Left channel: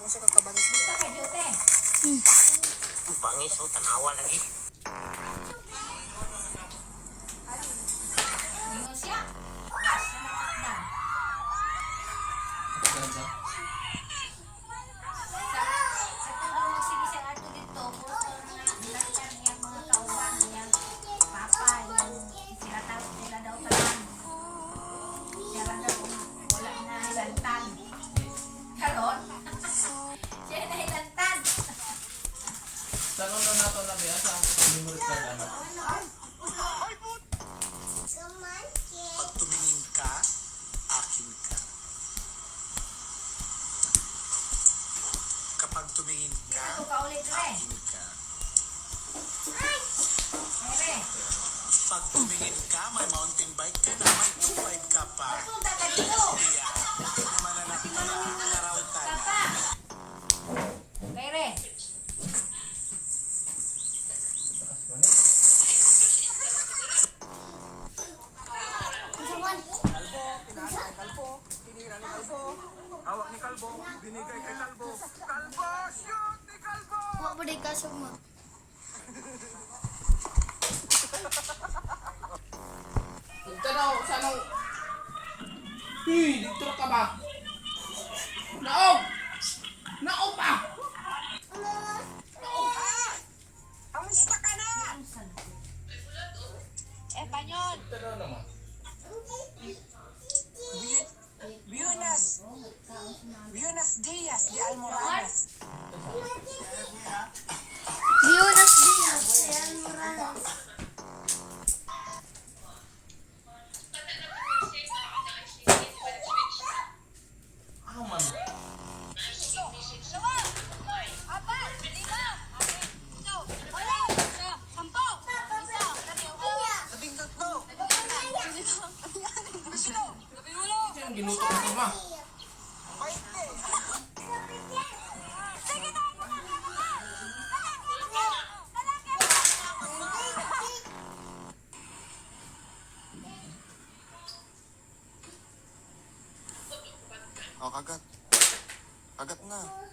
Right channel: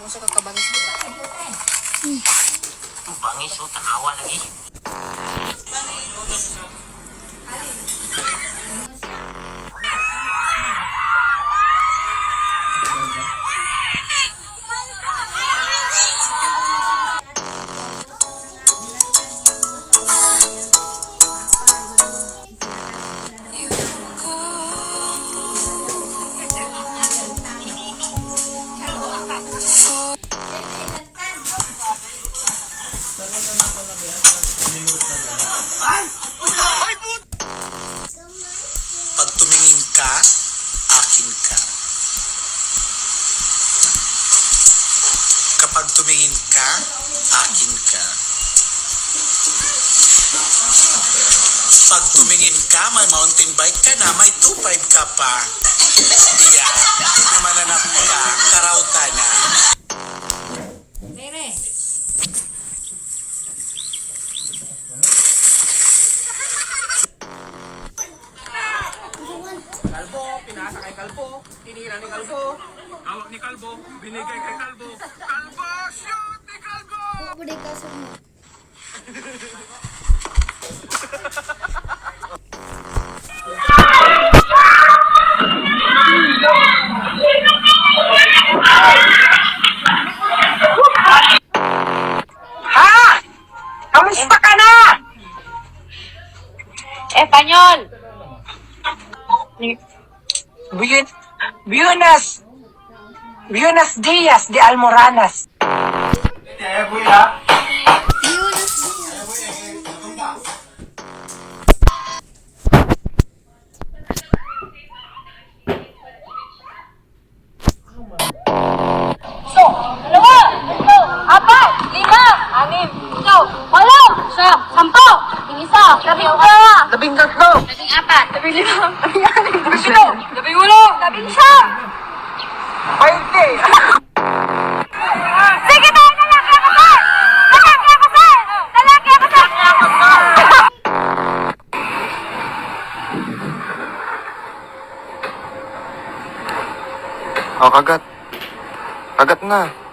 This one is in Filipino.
mo sa kakabangis mo. Bangis mo, tanawa lagi. Pag tumingin ka, akin ka. Kapag tumingin ka, akin ka. Pag tumingin ka, may mountain bike ka na, may 2.5 ka pa. Iya, na mananap ka, karauta na. Kalbo, pinasa kay Kalbo, tinira ni Kalbo. Hawak ni Kalbo, binigay kay Kalbo. Kalbo, shoot ni Kalbo! Huwag mo dito sa mo. Kamusta ka na? Espanyol. Buenos Dias de Almoranas. Yunus din. Dalawa, tatlo, apat, lima, anim, ito, walo, siyam, sampo, isa, labing dalawa, Labing tatlo. labing apat, labing lima, labing anim, labing pito, labing ulo, labing siyam. 20. Sige tayo, lalaki ako sir! Lalaki ako sir! Lalaki ako sir! Oh, kagat. Kagat na.